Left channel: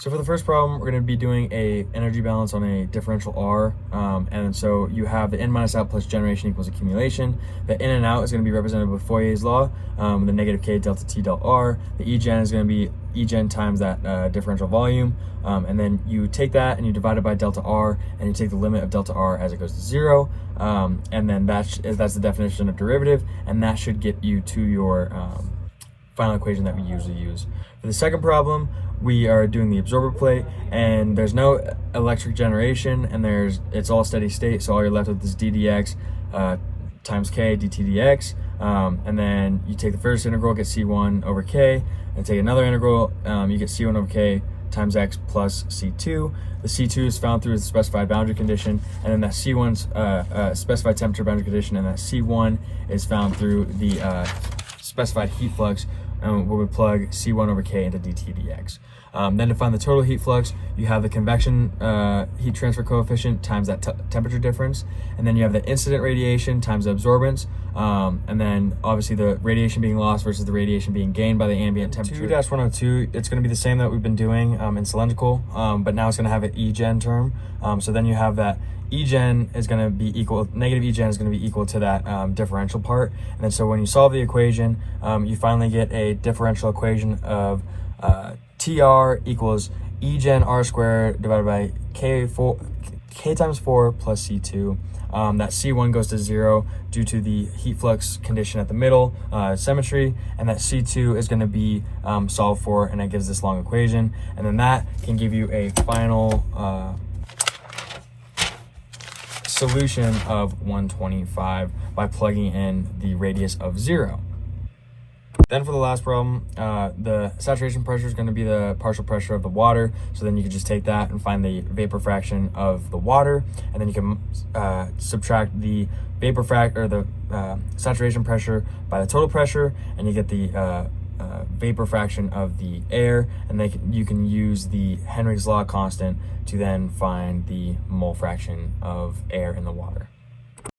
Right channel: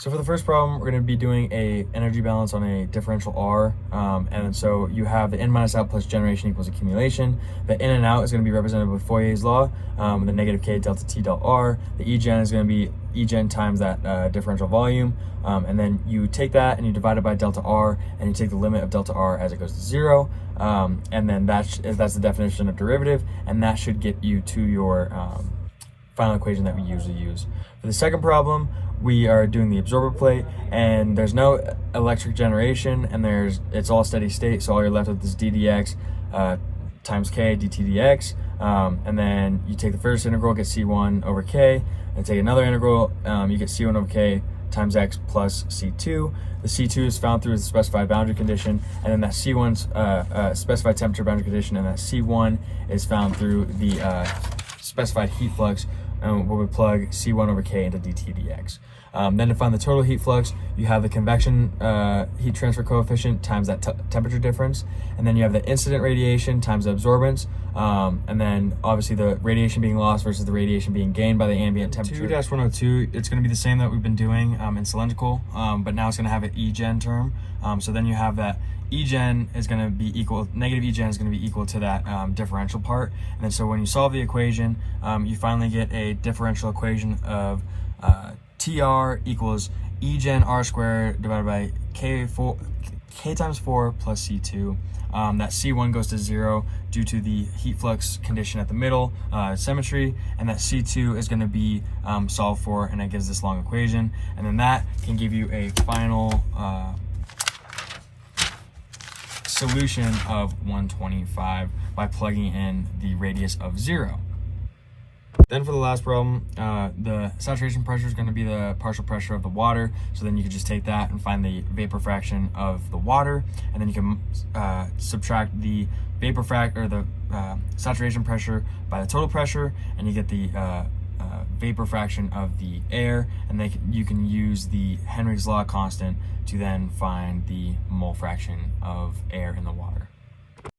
So for the first problem, we're going to be doing a energy balance on a differential R. And so you have the in minus out plus generation equals accumulation. The in and out is going to be represented with Fourier's law, the negative K delta T delta R. The Egen is going to be Egen times that differential volume. And then you take that and you divide it by delta R, and you take the limit of delta R as it goes to 0. And then that's the definition of derivative, and that should get you to your final equation that we usually use. For the second problem, we are doing the absorber plate, and there's no electric generation, and it's all steady state, so all you're left with is ddx times k dt dx, and then you take the first integral, get c1 over k, and take another integral, you get c1 over k times x plus c2. The c2 is found through the specified boundary condition, and then that c1's specified temperature boundary condition, and that c1 is found through the specified heat flux, where we plug c1 over k into dt dx. Then to find the total heat flux, you have the convection heat transfer coefficient times that temperature difference, and then you have the incident radiation times the absorbance, and then obviously the radiation being lost versus the radiation being gained by the ambient temperature. 2-102, it's going to be the same that we've been doing in cylindrical, but now it's going to have an Egen term. So then you have that Egen is going to be equal, negative Egen is going to be equal to that differential part. And then so when you solve the equation, you finally get a differential equation of TR equals Egen R squared divided by K times 4 plus C2. That C1 goes to 0 due to the heat flux condition at the middle, symmetry, and that C2 is going to be solved for, and that gives this long equation. And then that can give you a final solution of 125 by plugging in the radius of 0. Then for the last problem, the saturation pressure is going to be the partial pressure of the water. So then you can just take that and find the vapor fraction of the water, and then you can subtract the vapor or the saturation pressure by the total pressure, and you get the vapor fraction of the air, and you can use the Henry's law constant to then find the mole fraction of air in the water.